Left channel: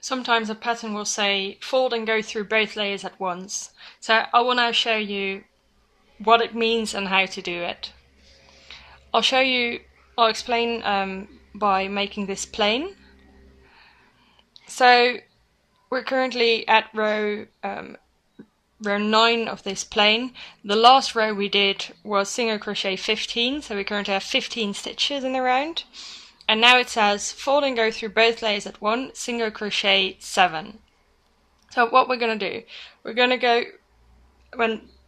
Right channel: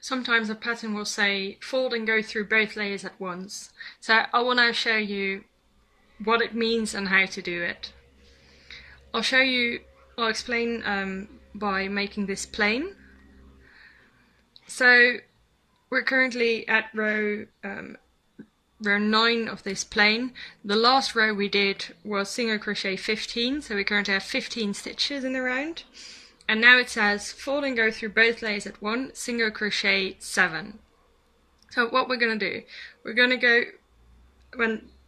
sometimes a pattern will say fold and go through both layers at once. So I want to show you what it means and how to do it. I'll explain by making this plain. So we're currently at row 9 of this plain. The last row we did was single crochet 15, so we currently have 15 stitches in the round. And now it says fold and go through both layers at once, single crochet 7. So what we're going to do, we're going to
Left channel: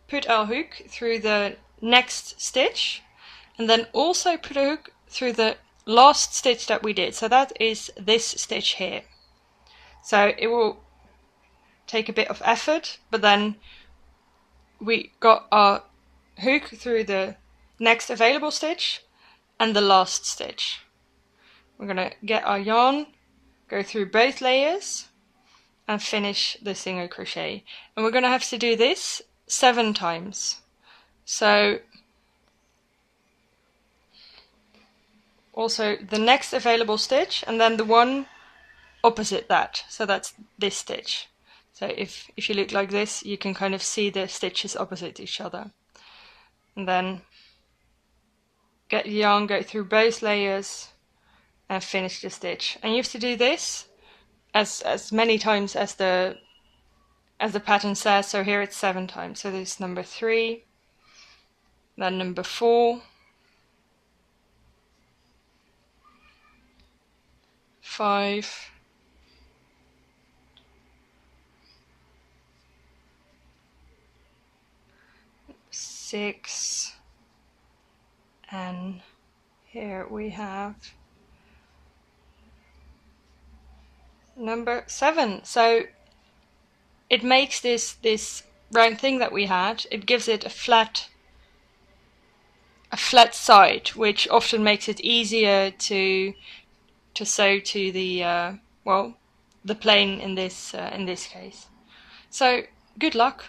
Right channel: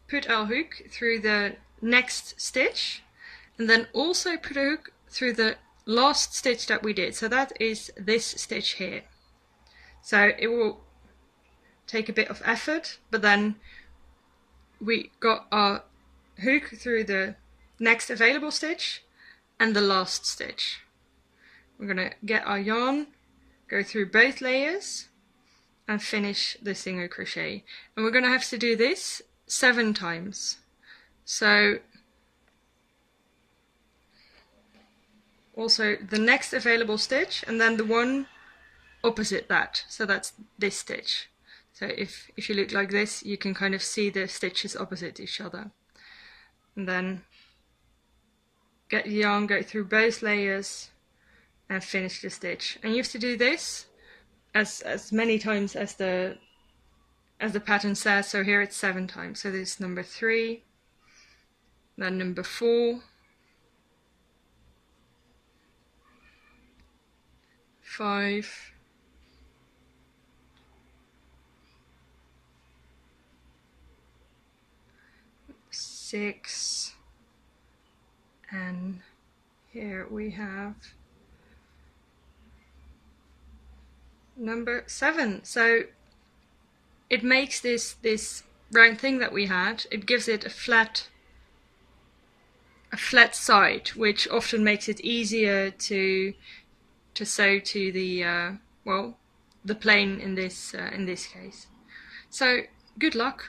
put our hook through the next stitch, and then also put a hook through the last stitch that we did. So that is this stitch here. So it will take a bit of effort, but then we got our hook through the next available stitch and the last stitch. We're going to get our yarn, go through both layers and finish the single crochet. And we're going to have to do this 7 times. So also the next available stitch and then the one opposite that. So that's this stitch. So if you look like this, you can kind of see the stitches opposite each other. And then get the yarn, go through both layers and finish the stitch. And you have to do this as many times as the pattern says. So here it's 7 times. So this is number 3, then number 4, 5, 6, and here we have number 7. So it makes this round thing that we had, it gives it a flat side, which often makes it easier to sew to the the plain in this case. So good luck.